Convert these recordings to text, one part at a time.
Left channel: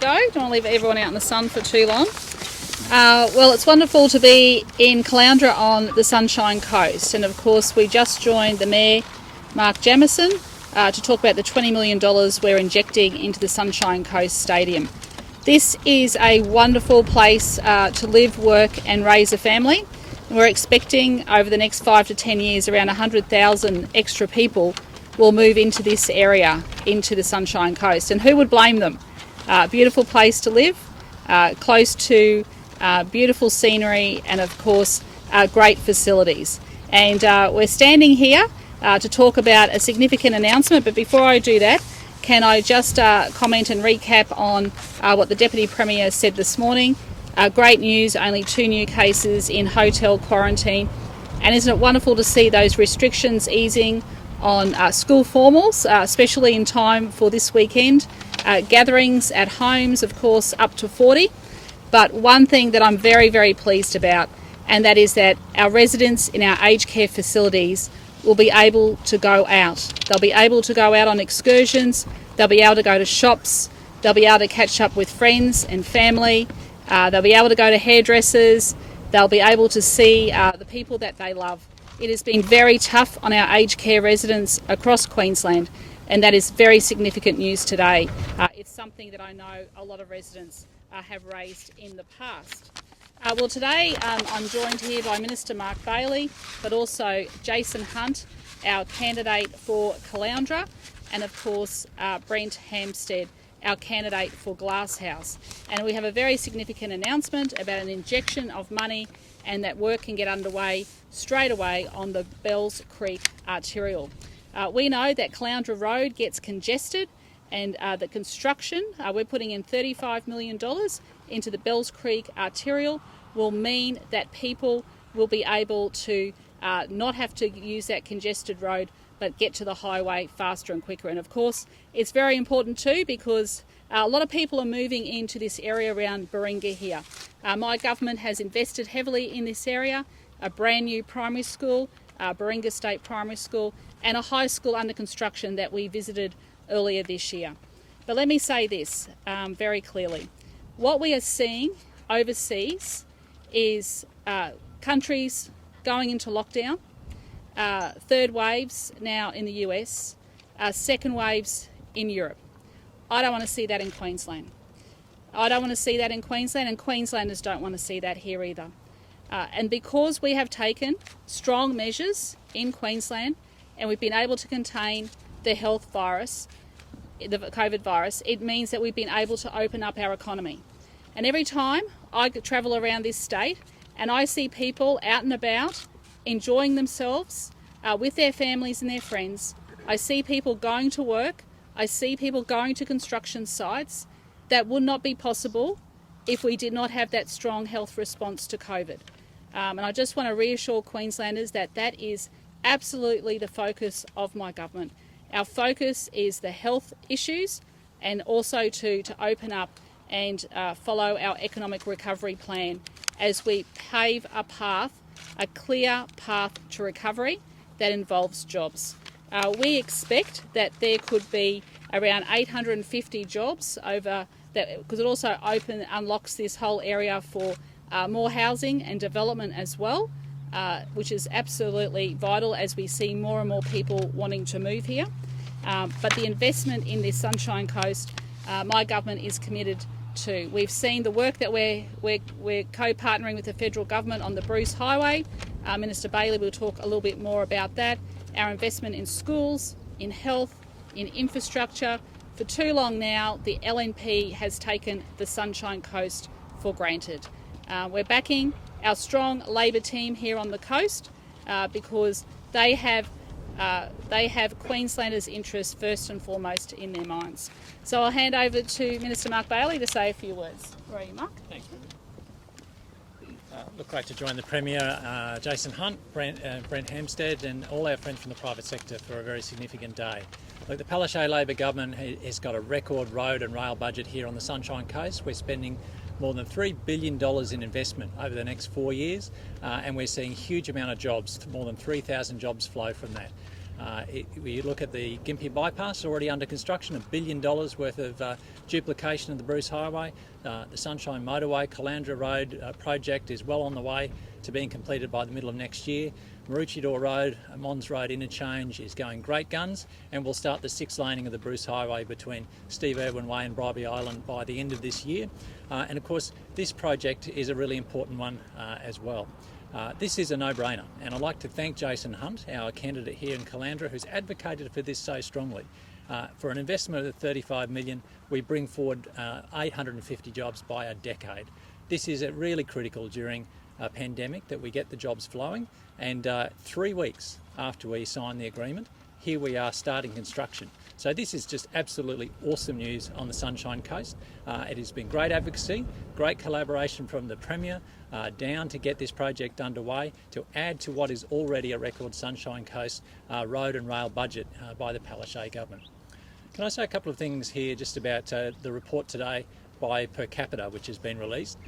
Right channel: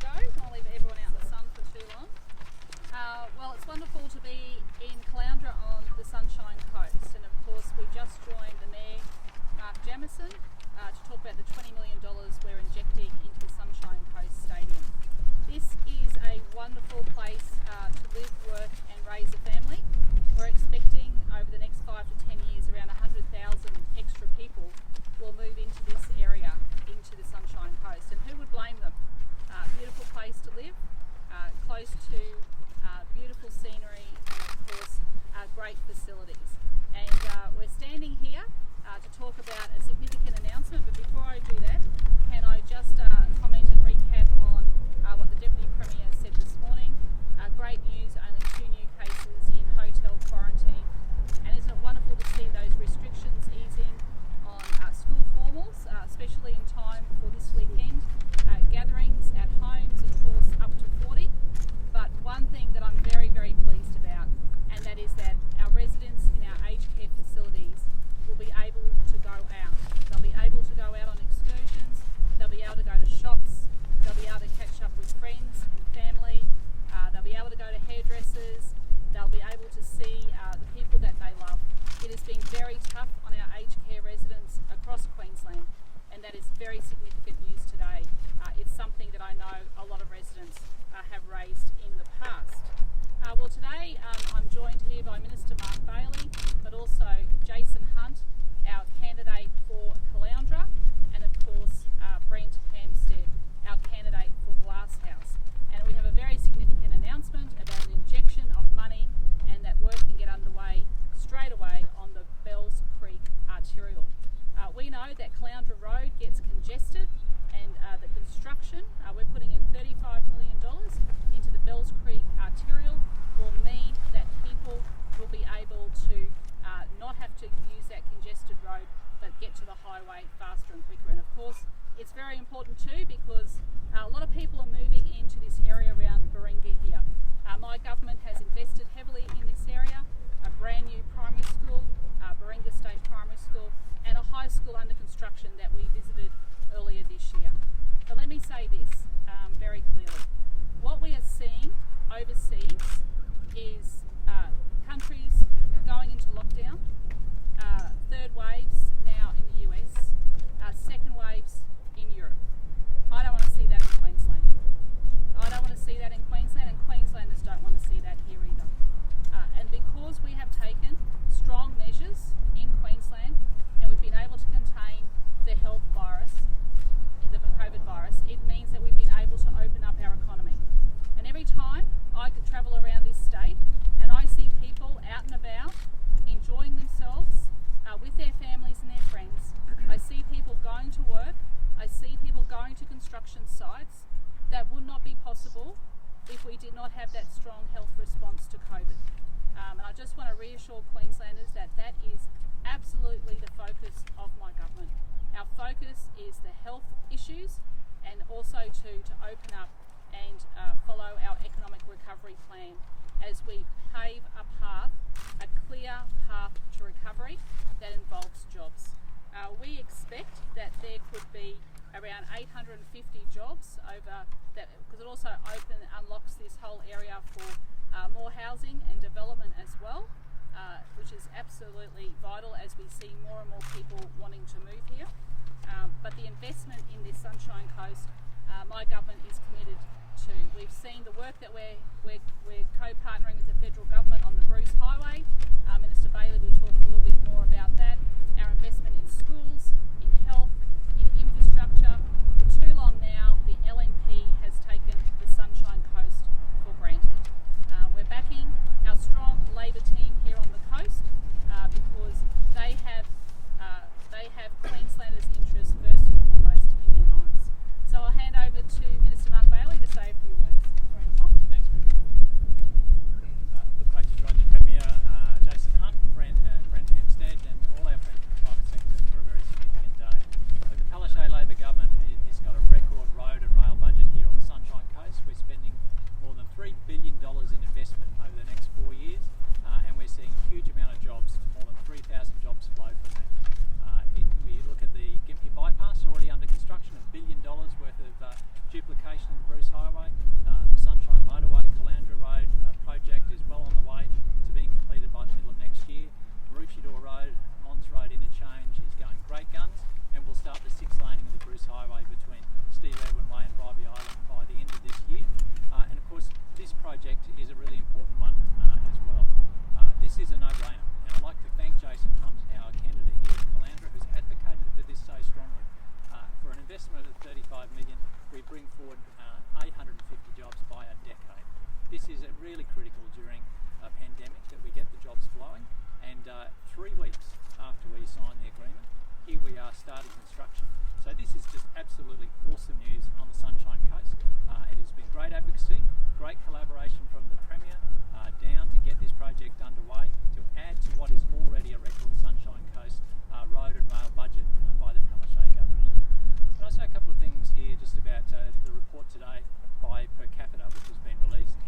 Don't want to leave everyone out in the sun for too long. Well, it's wonderful to be in Caloundra on the Sunshine Coast, and of course we just joined the Mayor, Mark Jamieson, to talk about the $20 million we're injecting into the Sunshine Coast Stadium. This is a wonderful place to live, work and raise a family. We're expecting over the next 5 to 10 years around 100,000 extra people will move into this area, into the Sunshine Coast, and who would blame them? Beautiful place to live, close to beautiful scenery and of course great facilities. And we're standing here to talk about a significant announcement, but before I do that, can I just comment and recap on what the Deputy Premier said this morning. Great news, only 2 new cases in hotel quarantine, and isn't it wonderful to see those restrictions easing on school formals, especially in time for this weekend. Gatherings at homes, of course, up to 40. But one thing that I'm very, very pleased about, and that is that our residents in our aged care facilities will be able to go out. They'll be able to go out on excursions, they'll be able to go to shops, they'll be able to catch up with friends and family, they'll be able to go to hairdressers, they'll be able to see the people that they love. It has been very tough on our aged care residents across Queensland, and that is very significant news today. It's something that I know a lot of residents have raised in the past. Well, today I'm joined here by Minister Mark Bailey, but also Jason Hunt, our candidate for Caloundra, and of course Brent Hampstead, our candidate for Glasshouse. And we have a very significant announcement about an injection of money, and that work can get underway straight away on the Bells Creek Arterial. We know that Caloundra Road gets congested, and the construction, we're putting in $35 million into the Bells Creek Arterial, will mean that people will be able to not have to use that congested road, but get to the highway faster and quicker. And of course, it's very important too, because a lot of people are moving into this area around Baringa here. My government has invested heavily in this area, a brand new primary school, Baringa State Primary School, and a high school under construction that we visited earlier this year. But let me say this very clearly. What we are seeing overseas is countries going into lockdown, third waves now in the US, second waves in Europe. I don't want to see that in Queensland. I don't want to see that in Queensland, and Queenslanders don't want to see that here either. And because we have taken strong measures in Queensland and we've been able to contain the health virus, the COVID virus, it means that we've been able to open up our economy. And every time I travel around this state and I see people out and about enjoying themselves with their families and their friends, I see people going to work, I see people going to construction sites. That would not be possible if we did not have that strong health response to COVID. And I just want to reassure Queenslanders that that is absolutely the focus of my government. Our focus is the health issues, and also to open up and follow our economic recovery plan as we pave a path, a clear path to recovery that involves jobs. We expect that there could be around 850 jobs over that, because it also unlocks this whole area for more housing and development as well, which is absolutely vital as we see more and more people wanting to move here. But the investment in this Sunshine Coast, my government is committed to. We've seen the work that we're co-partnering with the federal government on the Bruce Highway. Minister Bailey will talk a little bit more about that. Our investment in schools, in health, in infrastructure. For too long now, the LNP has taken the Sunshine Coast for granted. We're backing our strong Labor team here on the coast because they have Queenslanders' interests first and foremost in their minds. So I'll hand over to Minister Mark Bailey to say a few words. Where are you, Mark? Thanks. Look, great to join the Premier, Jason Hunt, Brent Hampstead, and all our friends from the private sector for a very significant day. Look, the Palaszczuk Labor government has got a record road and rail budget here on the Sunshine Coast. We're spending more than $3 billion in investment over the next 4 years, and we're seeing a huge amount of jobs, more than 3,000 jobs flow from that. We look at the Gympie bypass already under construction, $1 billion worth of duplication of the Bruce Highway. The Sunshine Motorway, Caloundra Road project is well on the way to being completed by the middle of next year. Maroochydore Road, Mons Road interchange is going great guns, and we'll start the 6 laning of the Bruce Highway between Steve Irwin Way and Bribie Island by the end of this year. And of course, this project is a really important one as well. This is a no-brainer, and I'd like to thank Jason Hunt, our candidate here in Caloundra, who's advocated for this so strongly. For an investment of $35 million, we bring forward 850 jobs by a decade. This is really critical during a pandemic that we get the jobs flowing, and 3 weeks after we sign the agreement, here we are starting construction. So this is just absolutely awesome news on the Sunshine Coast. It has been great advocacy, great collaboration from the Premier down to get this project underway to add to what is already a record Sunshine Coast road and rail budget by the Palaszczuk government. Can I say a couple of things here just about the report today by per capita which has been released.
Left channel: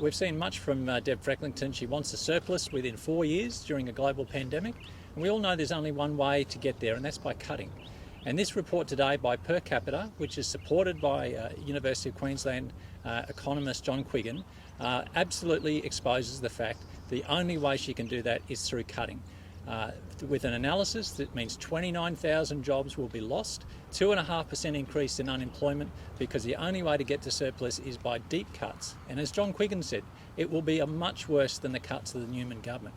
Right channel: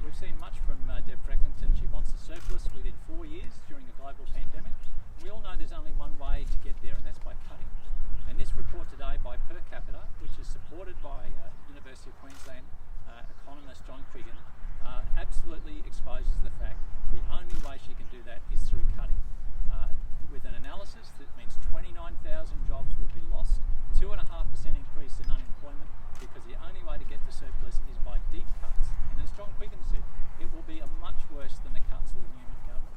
We've seen much from Deb Frecklington. She wants a surplus within 4 years during a global pandemic, and we all know there's only one way to get there, and that's by cutting. And this report today by per capita, which is supported by University of Queensland economist John Quiggin, absolutely exposes the fact the only way she can do that is through cutting. With an analysis that means 29,000 jobs will be lost, 2.5% increase in unemployment, because the only way to get to surplus is by deep cuts. And as John Quiggin said, it will be much worse than the cuts of the Newman government.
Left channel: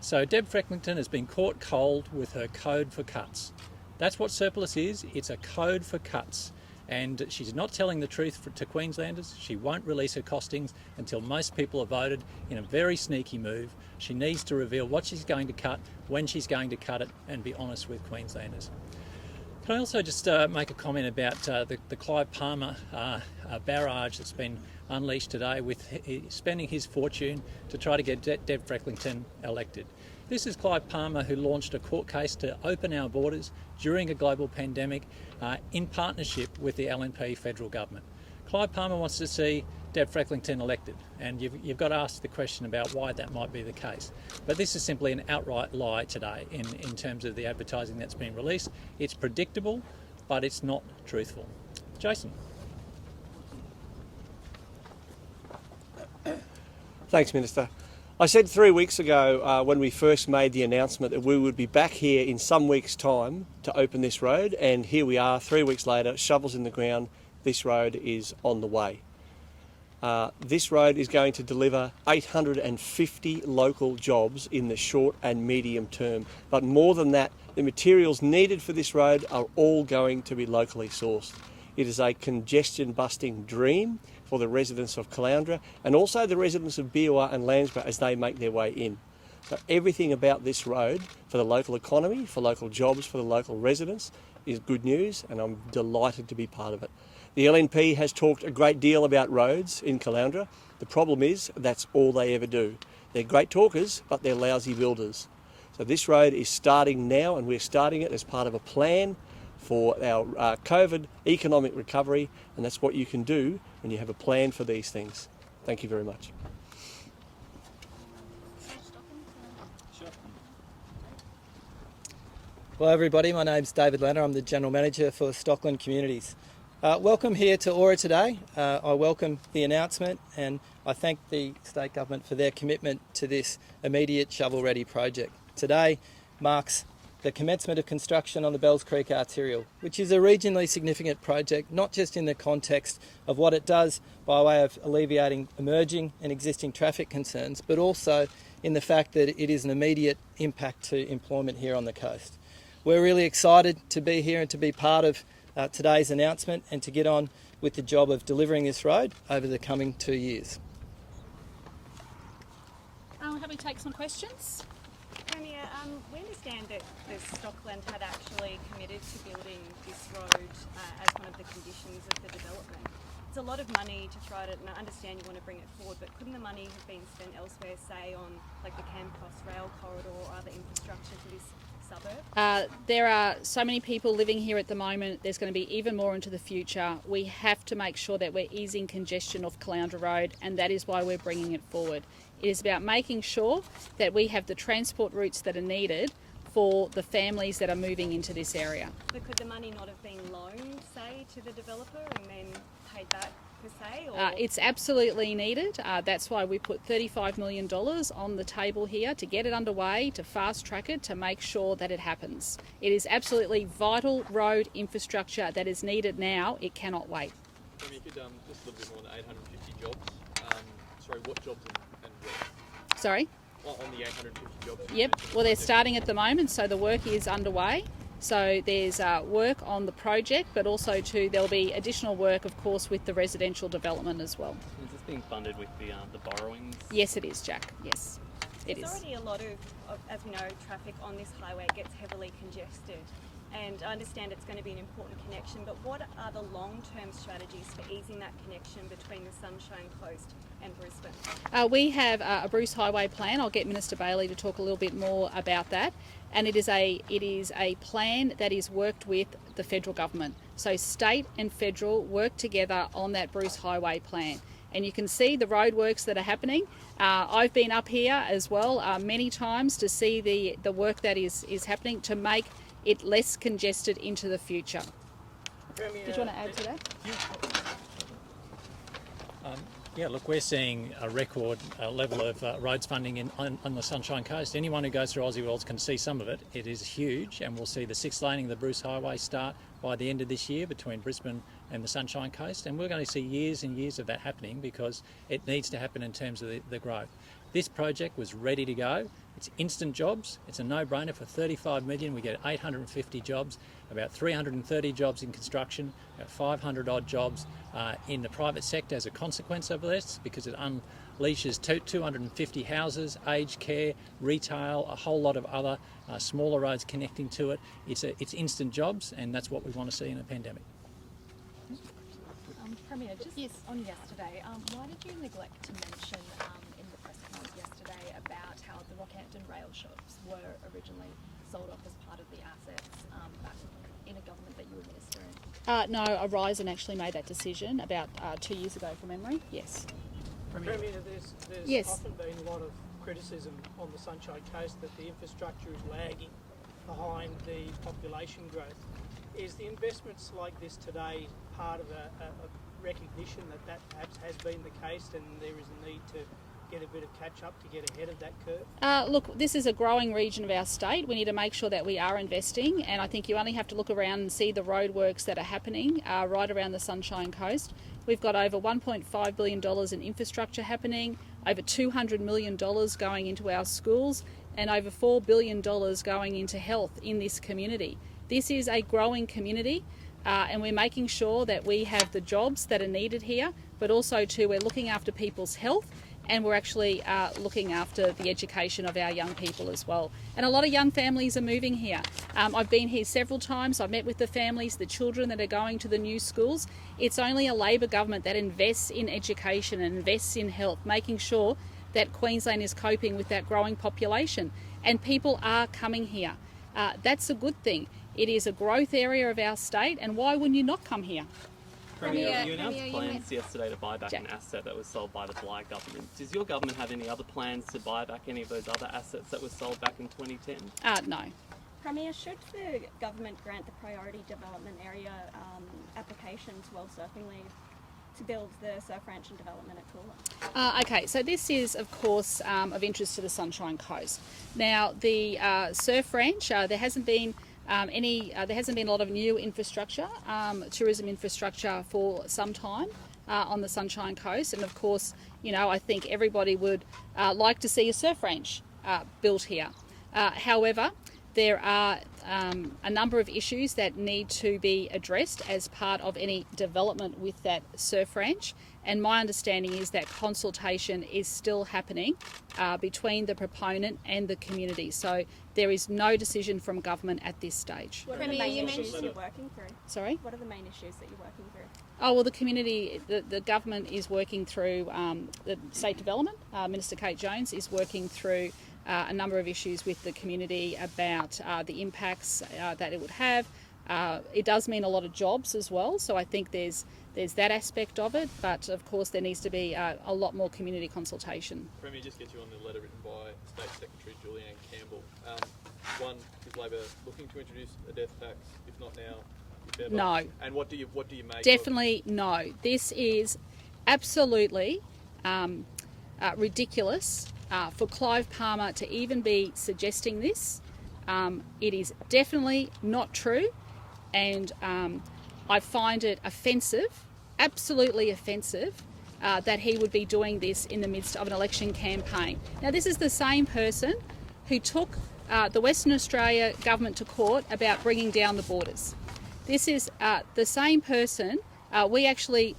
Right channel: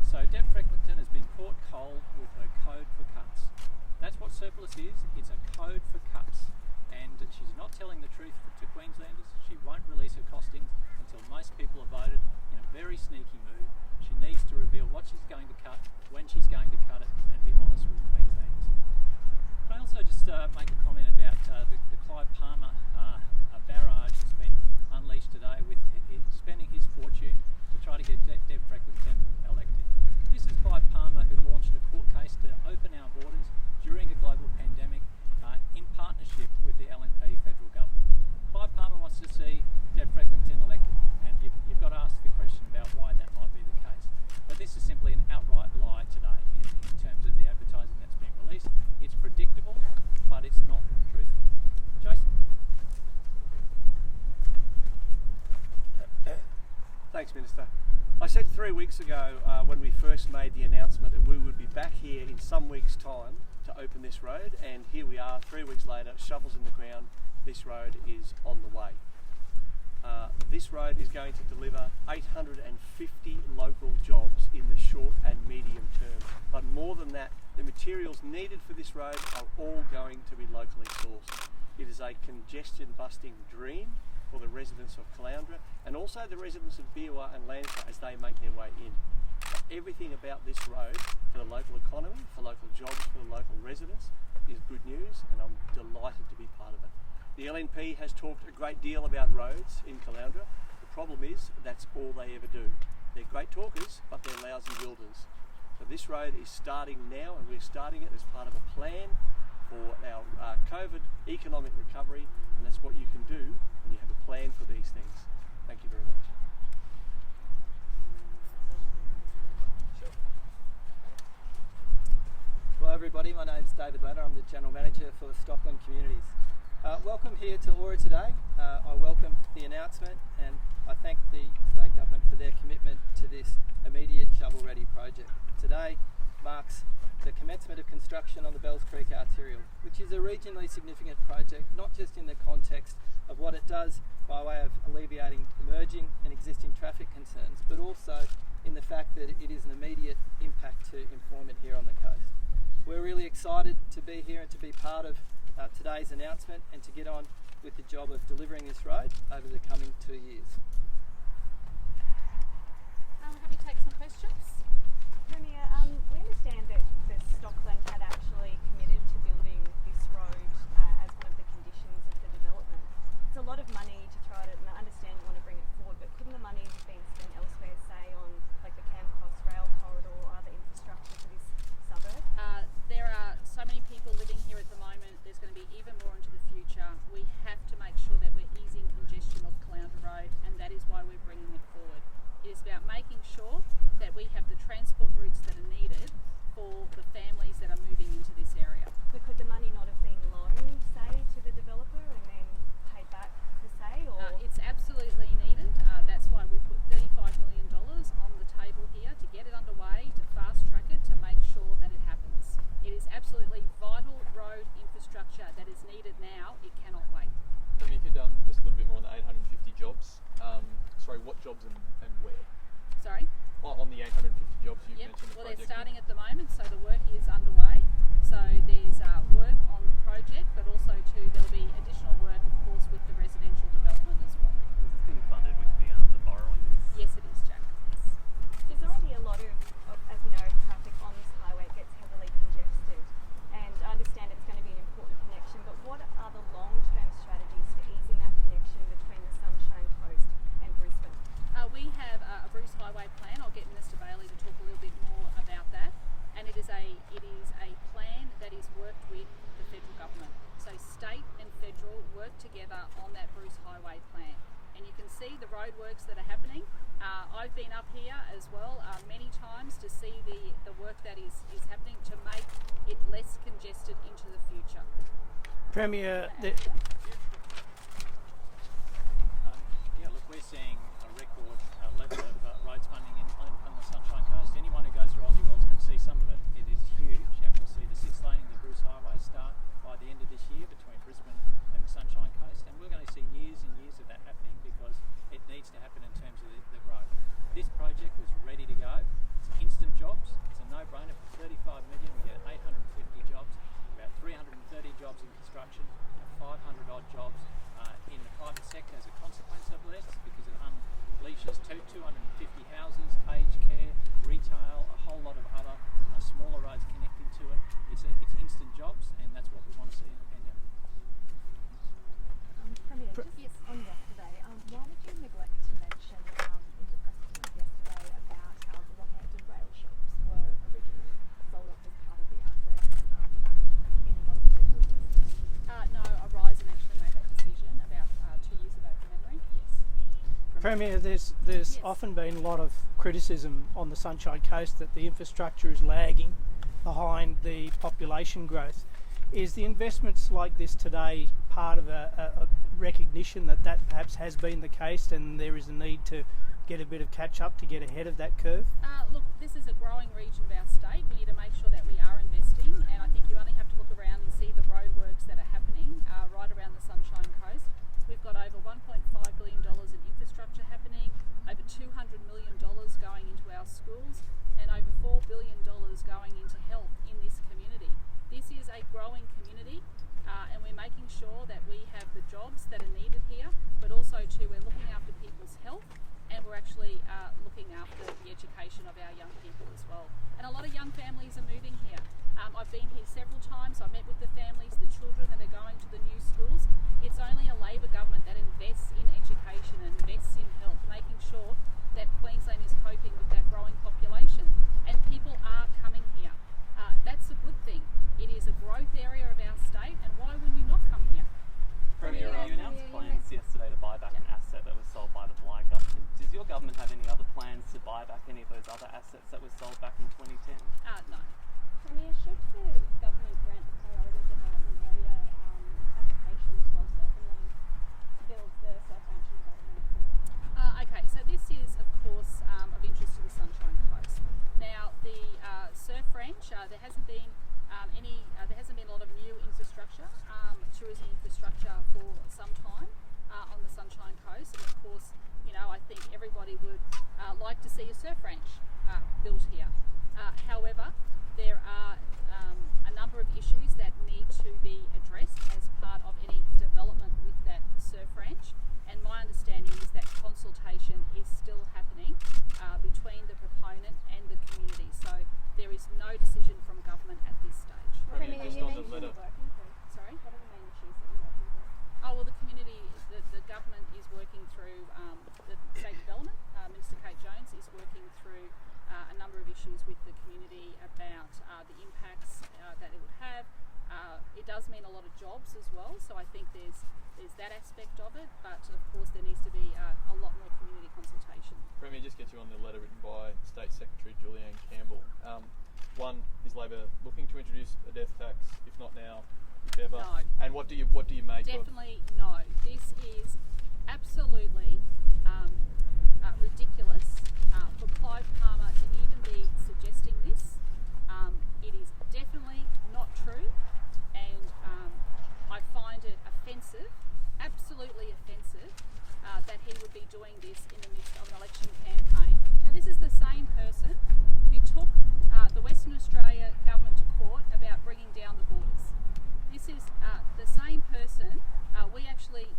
So Deb Frecklington has been caught cold with her code for cuts. That's what surplus is. It's a code for cuts. And she's not telling the truth to Queenslanders. She won't release her costings until most people have voted in a very sneaky move. She needs to reveal what she's going to cut, when she's going to cut it, and be honest with Queenslanders. Can I also just make a comment about the Clive Palmer barrage that's been unleashed today with spending his fortune to try to get Deb Frecklington elected. This is Clive Palmer, who launched a court case to open our borders during a global pandemic in partnership with the LNP federal government. Clive Palmer wants to see Deb Frecklington elected, and you've got to ask the question about why that might be the case. But this is simply an outright lie today in terms of the advertising that's been released. It's predictable, but it's not truthful. Jason. Thanks, Minister. I said 3 weeks ago when we first made the announcement that we would be back here in some weeks' time to open this road, and here we are 3 weeks later, shovels in the ground. This road is on the way. This road is going to deliver 850 local jobs in the short and medium term. But more than that, the materials needed for this road are all going to be locally sourced. It is a congestion-busting dream for the residents of Caloundra and also the residents of Beerwah and Landsborough as they make their way in. But everything about this road for the local economy, for local jobs, for the local residents is good news, and I'm delighted to be part of it. The LNP has talked a great deal about roads in Caloundra. The problem is that's all they ever do. They're great talkers, but they're lousy builders. So this road is starting now, and we're starting it as part of a plan for our COVID economic recovery, and that's what you can do when you have a plan for these things. Thank you very much. Hello everybody, my name's David Lanner. I'm the General Manager for Stockland Communities. Welcome here to Aura today. I welcome the announcement, and I thank the State Government for their commitment to this immediate shovel-ready project. Today marks the commencement of construction on the Bells Creek Arterial, which is a regionally significant project, not just in the context of what it does by way of alleviating emerging and existing traffic concerns, but also in the fact that it is an immediate impact to employment here on the coast. We're really excited to be here and to be part of today's announcement and to get on with the job of delivering this road over the coming 2 years. Have we take some questions? Premier, we understand that Stockland had actually committed to building this road as one of the conditions of the development. It's a lot of money to try to, and I understand you want to bring it forward, but couldn't the money have been spent elsewhere, say on like the Campcross rail corridor or other infrastructure for this suburb? There are so many people living here at the moment. There's going to be even more into the future. We have to make sure that we're easing congestion off Caloundra Road, and that is why we're bringing it forward. It is about making sure that we have the transport routes that are needed for the families that are moving into this area. But could the money not have been loaned, say, to the developer and then It's absolutely needed. That's why we put $35 million on the table here to get it underway, to fast track it, to make sure that it happens. It is absolutely vital road infrastructure that is needed now. It cannot wait. I mean, you've done just a little bit more than 850 jobs. Sorry, what jobs and where? Sorry? On the 850 jobs. Yep, well they're starting at the moment, so the work is underway. So there's work on the project, but also there'll be additional work, of course, with the residential development as well. Is this being funded with the borrowings? Yes, it is, Jack. Yes, it There's is. already a lot of, as we know, traffic on this highway. It gets heavily congested. And I understand it's going to be an important connection, but what are the long-term strategies for easing that connection between the Sunshine Coast and Brisbane? We have a Bruce Highway plan. I'll get Minister Bailey to talk a little bit more about that. And it is a plan that is worked with the federal government. So state and federal work together on that Bruce Highway plan. And you can see the roadworks that are happening. I've been up here as well many times to see the work that is happening to make it less congested into the future. Premier, Do you want to add to that? Yeah, look, we're seeing a record level of roads funding on the Sunshine Coast. Anyone who goes through Aussie Worlds can see some of it. It is huge, and we'll see the 6 laning of the Bruce Highway start by the end of this year between Brisbane and the Sunshine Coast, and we're going to see years and years of that happening because it needs to happen in terms of the growth. This project was ready to go. It's instant jobs. It's a no-brainer. For $35 million, we get 850 jobs, about 330 jobs in construction, about 500 odd jobs in the private sector as a consequence of this, because it unleashes 250 houses, aged care, retail, a whole lot of other smaller roads connecting to it. It's instant jobs, and that's what we want to see in a pandemic. Premier, just on yesterday, why did you neglect to mention in the press conference yesterday about how the Rockhampton rail shops were originally sold off as part of the assets back in a government that you were ministering? No, Horizon actually made that decision about 2 years ago from memory. Yes. Premier, there's Yes. often been a lot of criticism on the Sunshine Coast that the infrastructure is lagging behind the population growth. Is the investments like this today part of a recognition that perhaps has been the case and there is a need to get a bit of catch up to get ahead of that curve? Look, this is a growing region of our state. We need to make sure that we are investing, and I think you only have to look around and see the roadworks that are happening right around the Sunshine Coast. We've got over $1.5 billion in infrastructure happening, over $200 million going into our schools, and over $4 billion going into health in this community. This is a growing community, and we're making sure that we have the jobs that are needed here, but also too we're looking after people's health, and we're actually looking after the education of our young people as well. And a lot of young families are moving here. I've been here several times. I've met with the families, the children that are going to the new schools. It's only a Labor government that invests in education and invests in health, making sure that Queensland is coping with that growing population. And people are coming here. That's a good thing. It is a growth area of our state, and why wouldn't you not come here? Premier, you announced plans yesterday to buy back an asset that was sold by the Bligh government. Does your government have any other plans to buy back any of those other assets that were sold back in 2010? No. Premier, should the government grant the priority development area application to World Surfing League to build the surf ranch and development at Coolah? Okay, so this is of course of interest to the Sunshine Coast. Now the surf ranch, there hasn't been a lot of new infrastructure, tourism infrastructure for some time on the Sunshine Coast, and of course, you know, I think everybody would like to see a surf ranch built here. However, there are a number of issues that need to be addressed as part of any development with that surf ranch, and my understanding is that consultation is still happening between the proponent and the community. So there is no decision from government at this stage. What are the main issues you're working through? Sorry? What are the main issues that you're working through? Oh, well, the community, the government is working through the state development. Minister Kate Jones is working through a number of issues with the community about the impacts that it would have. It does mean a lot of jobs as well, so I think there's that aspect of it, but of course there needs to be a lot more community consultation. Premier, just get you on the letter written by State Secretary Julianne Campbell. One, is Labor looking to introduce a death tax? If not now, if ever? No. And what do you make? Definitely no. This is absolutely ridiculous for Clive Palmer to even be suggesting this. It is definitely not true, and I find it offensive, absolutely offensive, that he would be doing this in the midst of an election campaign. Now, this is the same person who took the Western Australia government to court about bringing down the borders. This is the same person. We actually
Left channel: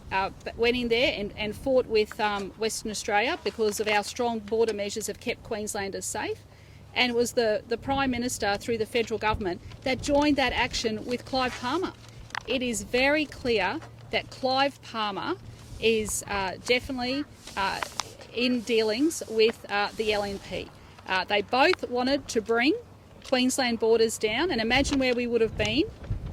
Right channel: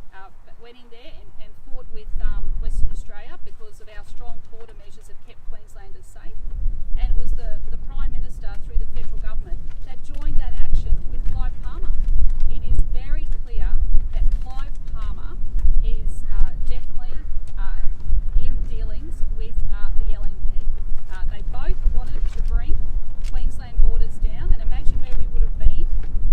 went in there and fought with Western Australia because of our strong border measures have kept Queenslanders safe, and it was the Prime Minister through the federal government that joined that action with Clive Palmer. It is very clear that Clive Palmer is definitely in dealings with the LNP. They both wanted to bring Queensland borders down, and imagine where we would have been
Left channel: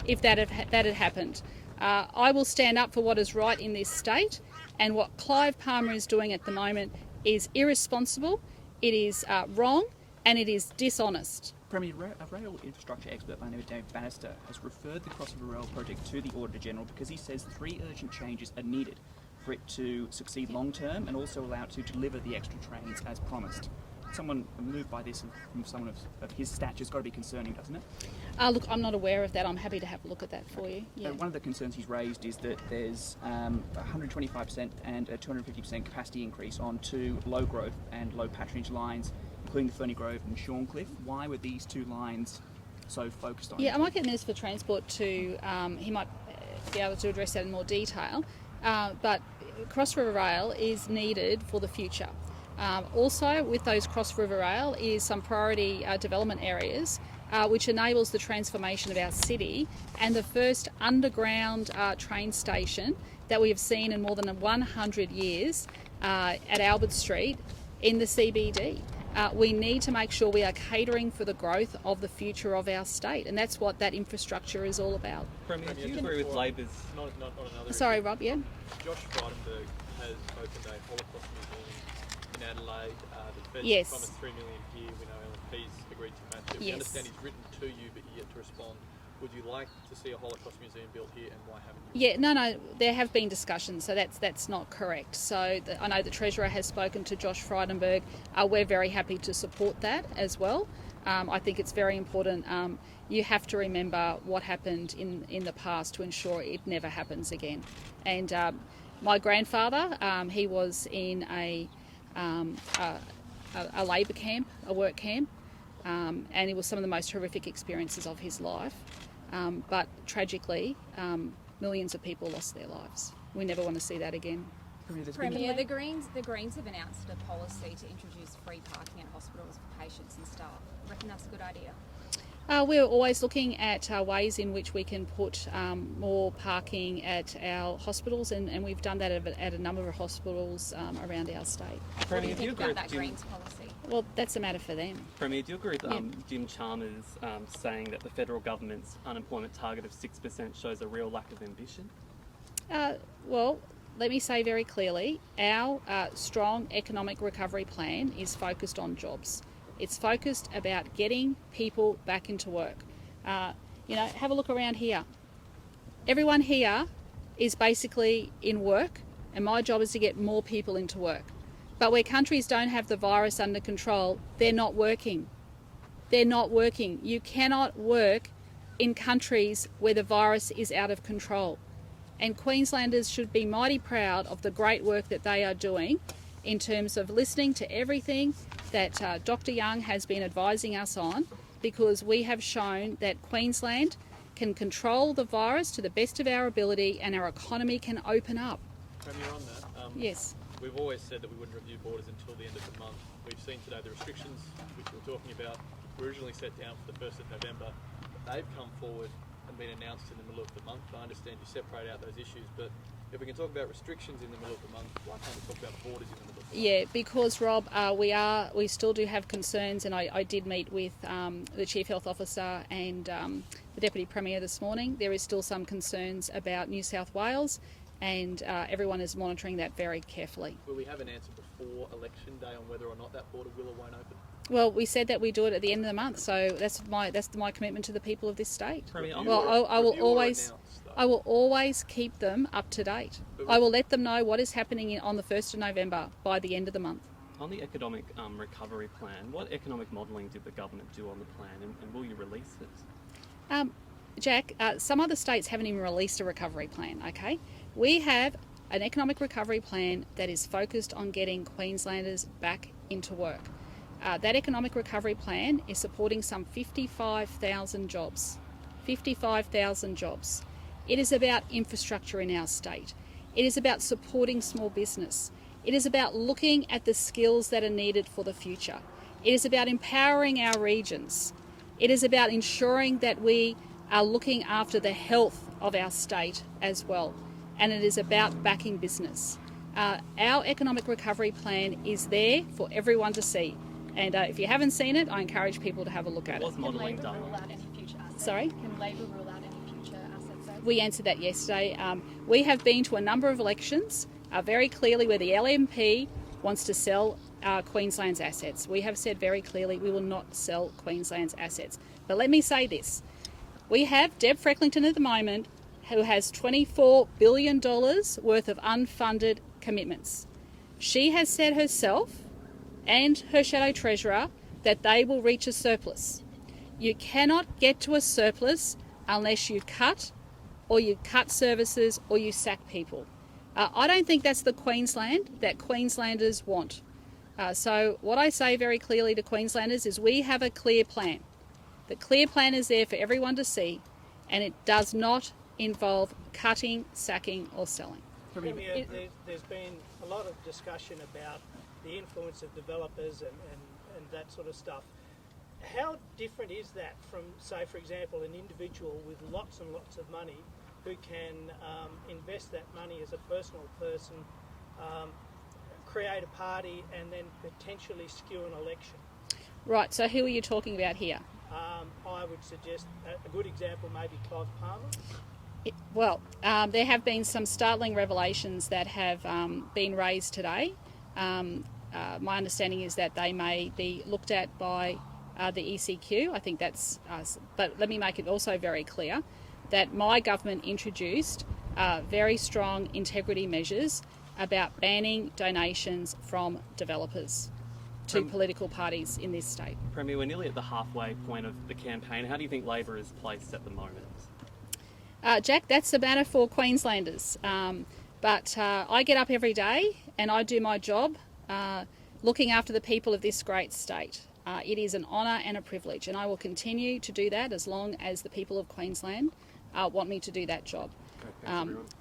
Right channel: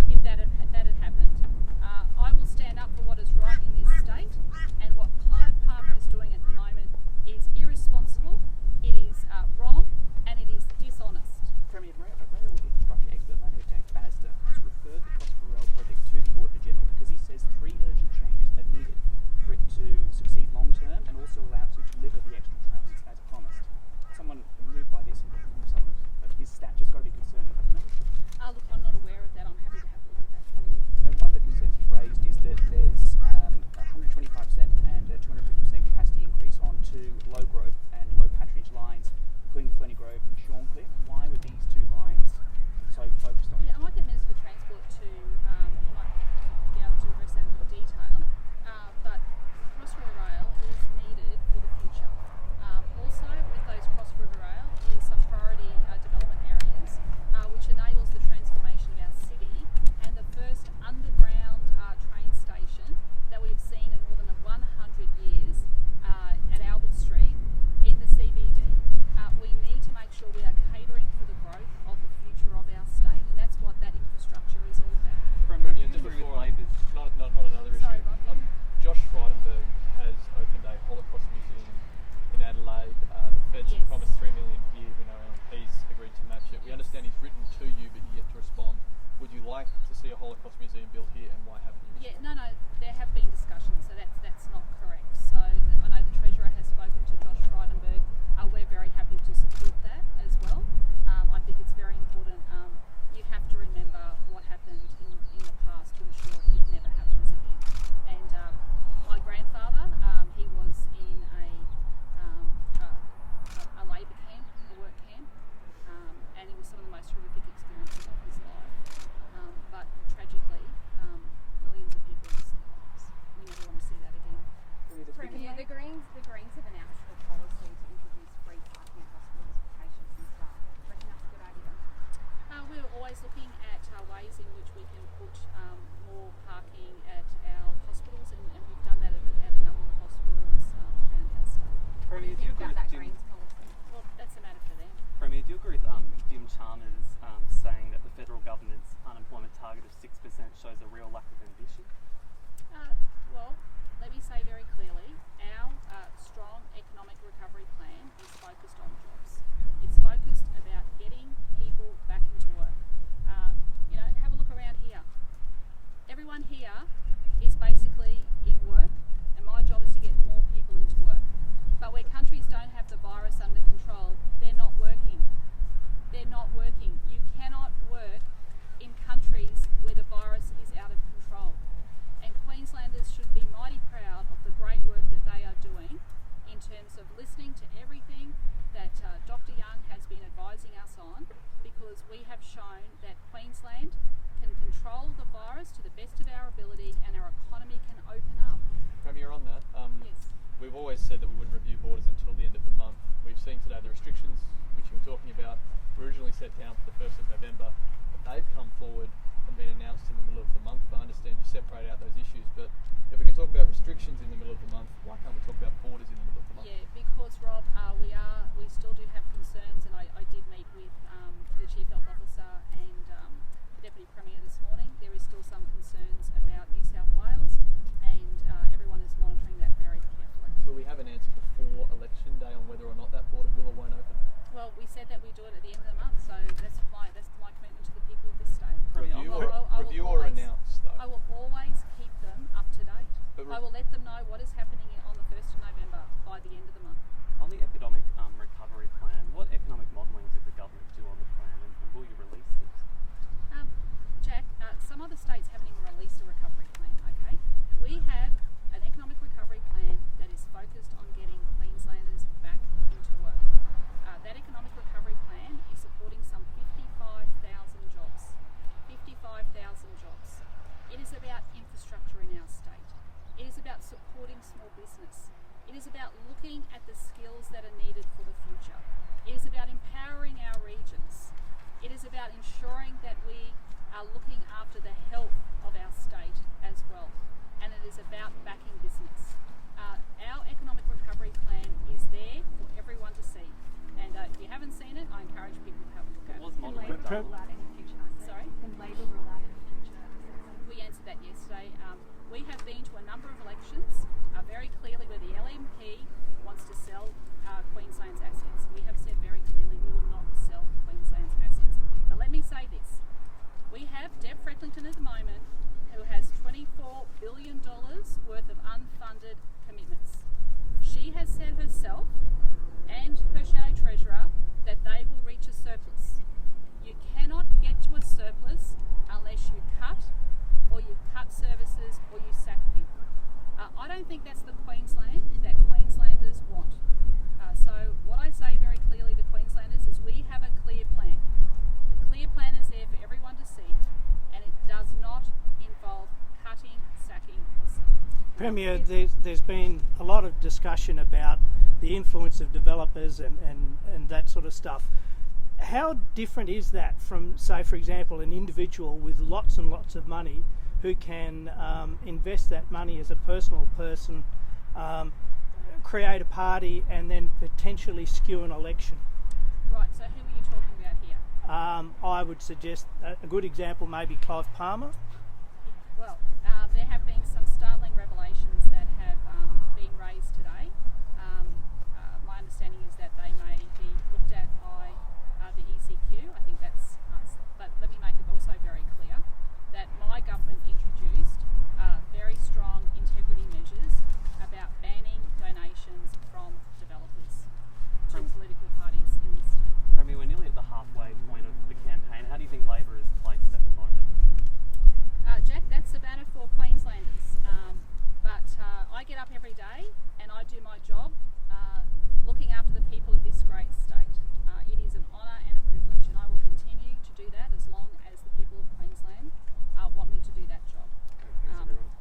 if that had happened. I will stand up for what is right in this state, and what Clive Palmer is doing at the moment is irresponsible, it is wrong, and it is dishonest. Premier, a rail infrastructure expert by the name of Dave Bannister has referred the Cross River Rail project to the Auditor General because he says 3 urgent changes are needed for it to succeed long term and also allow it to deliver the extra trains as promised. Someone moved by this, from someone of his stature, has got to be concerning, doesn't it? Look, I'm not aware of that. I'm happy to have a look at that for you. Yeah. One of the concerns he's raised is that there's 125% and a 250% capacity increase on 2 low growth and low patronage lines, including the Ferny Grove and Shorncliffe. Why were these 2 lines so focused on? Yeah, I might get the Minister for Transport to, he might be able to address that in more detail, but Cross River Rail is needed for the future. Also with those Cross River Rail is some priority development areas which enables the transformation of our city, and the first underground train station that we have seen in more than 100 years at Albert Street in the CBD. We need to make sure we are catering for the growth of the future of our state, and that's what that infrastructure is all about. Premier, do you agree with Labor's... Not another Sorry, issue. Rob, yeah? Josh Frydenberg has opened a Holocaust museum in Adelaide. The Feds Yes. promised $3 million here. We know LNP's agreed to match it. We Yes. understand he's written to you, but yet to respond. Would you like to see a Holocaust museum built here, and why haven't you? Yeah, no, there have been discussions, so that's not correct. So I know the Treasurer has spoken to Josh Frydenberg. We're very happy to support that as well. I think it's very important. You have to remember what happened in the past to ensure it never happens again. And my grandfather, he was in a labour camp, a work camp, and it was some of the most horrific experiences of his life. But tragically, millions of people lost their lives. We never want to see that again. Premier, the Greens have announced a policy to introduce free parking at hospitals for patients and staff. Reckon that's a good idea? We're always looking at ways in which we can put more parking at our hospitals, and we've done that at a number of hospitals around our state. What do you think about that Greens policy? Well, that's a matter for them. Premier, do you agree with Jim Chalmers saying that the federal government's unemployment target of 6% shows a real lack of ambition? Well, let me say very clearly, our strong economic recovery plan is focused on jobs. It's focused about getting people back into work. Have a look around here. Everyone here is basically in work, and my job is to get more people into work. But where countries don't have the virus under control, they're not working. They're not working. You cannot work in countries where the virus is out of control. And Queenslanders should be mighty proud of the great work that they are doing in terms of listening to everything that Dr. Young has been advising us on, because we have shown that Queensland can control the virus to the best of our ability and our economy can open up. Premier, on that, Yes. we've always said that we wouldn't review borders until the end of the month. We've seen today the restrictions, which we're talking about, were originally set down for the 1st of November, but they've come forward and been announced in the middle of the month. I understand you separate out those issues, but if we can talk about restrictions in the middle of the month, why can't we talk about borders in the middle of the month? Yeah, because Rob, we still do have concerns, and I did meet with the Chief Health Officer and the Deputy Premier this morning. There is still some concerns about New South Wales, and everyone is monitoring that very carefully. Will we have an answer before election day on whether or not that border will or won't open? Well, we said that we do it at the end of the month, so that's my commitment to the people of this state. Well, I will always keep them up to date. I will let them know what is happening on the 1st of November by the end of the month. On the economic recovery plan, what economic modelling did the government do on the plan, and will you release it? Jack, some other states haven't even released a recovery plan, okay? We have an economic recovery plan that is focused on getting Queenslanders back into work. That economic recovery plan is supporting some 55,000 jobs. 55,000 jobs. It is about infrastructure in our state. It is about supporting small business. It is about looking at the skills that are needed for the future. It is about empowering our regions. It is about ensuring that we are looking after the health of our state as well. And it is about backing business. Our economic recovery plan is there for everyone to see. And if you haven't seen it, I encourage people to have a look at it. What's modelling done? Rule out any future assets? Sorry? Can Labor rule out any future assets? We answered that yesterday. We have been to a number of elections very clearly where the LNP wants to sell Queensland's assets. We have said very clearly we will not sell Queensland's assets. But let me say this. We have Deb Frecklington at the moment who has $24 billion worth of unfunded commitments. She has said herself and her shadow treasurer that they will reach a surplus. You cannot get to a surplus unless you cut services or you sack people. I don't think that's the Queensland that Queenslanders want. So what I say very clearly to Queenslanders is we have a clear plan. The clear plan is there for everyone to see, and it does not involve cutting, sacking or selling. Premier, there's been a lot of discussion about the influence of developers and that sort of stuff. How different is that from, say, for example, an individual with lots and lots of money who can invest that money as a personal person, create a party and then potentially skew an election? Right, so who are you talking about here? I would suggest a good example maybe Clive Palmer. There have been some startling revelations that have been raised today. My understanding is that they may be looked at by the ECQ. I think that's but let me make it also very clear that my government introduced very strong integrity measures about banning donations from developers to political parties in this state. Premier, we're nearly at the halfway point of the campaign. How do you think Labor is placed at the moment? Jack, that's a matter for Queenslanders. But I get up every day and I do my job looking after the people of this great state. It is an honour and a privilege, and I will continue to do that as long as the people of Queensland want me to do that job.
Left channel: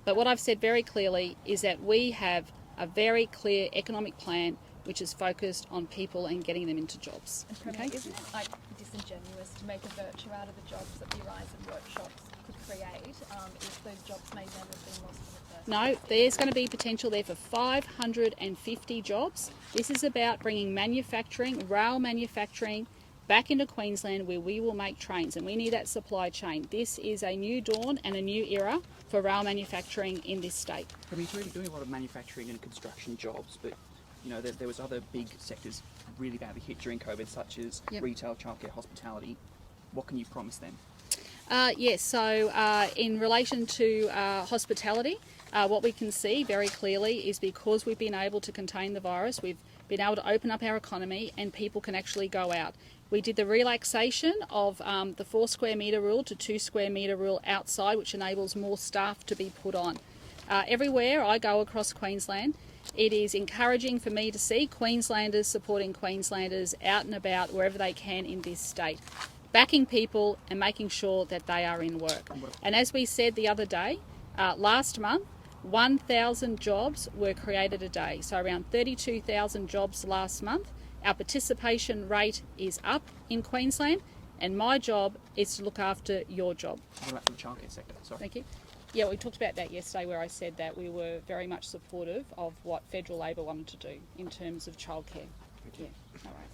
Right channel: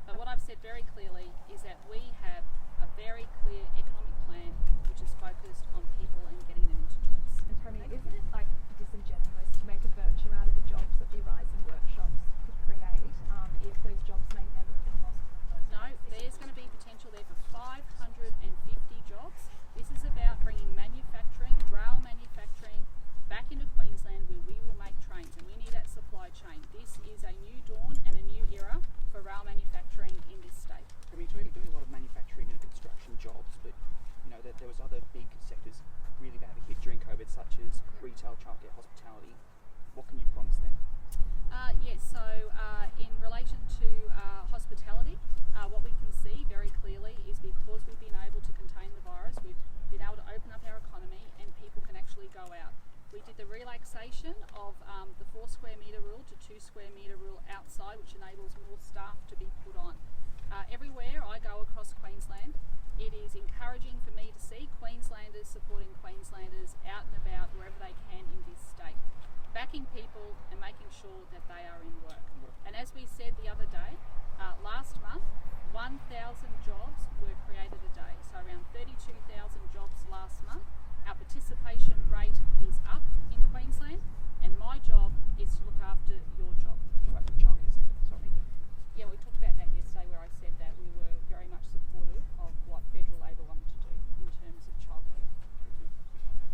But what I've said very clearly is that we have a very clear economic plan which is focused on people and getting them into jobs. Okay? Isn't it like disingenuous to make a virtue out of the jobs that the Rise and workshops could create if those jobs may then have been lost in the first No, there's going to be potential there for 550 jobs. This is about bringing manufacturing, rail manufacturing, back into Queensland where we will make trains, and we need that supply chain. This is a new dawn and a new era for rail manufacturing in this state. I mean, you're doing a lot of manufacturing and construction jobs, but you know there was other big sectors really badly hit during COVID, such as retail, childcare, hospitality. What can you promise them? Yes, so in relation to hospitality, what we can see very clearly is because we've been able to contain the virus, we've been able to open up our economy and people can actually go out. We did the relaxation of the 4 square metre rule to 2 square metre rule outside, which enables more staff to be put on. Everywhere I go across Queensland, it is encouraging for me to see Queenslanders supporting Queenslanders out and about wherever they can in this state, backing people and making sure that they are in work. And as we said the other day, last month, 1,000 jobs were created a day, so around 32,000 jobs last month. Our participation rate is up in Queensland, and my job is to look after your job. What about the childcare sector? Sorry. Thank you. Yeah, we talked about that yesterday where I said that we were very much supportive of what federal Labor wanted to do in terms of childcare. Yeah, all right.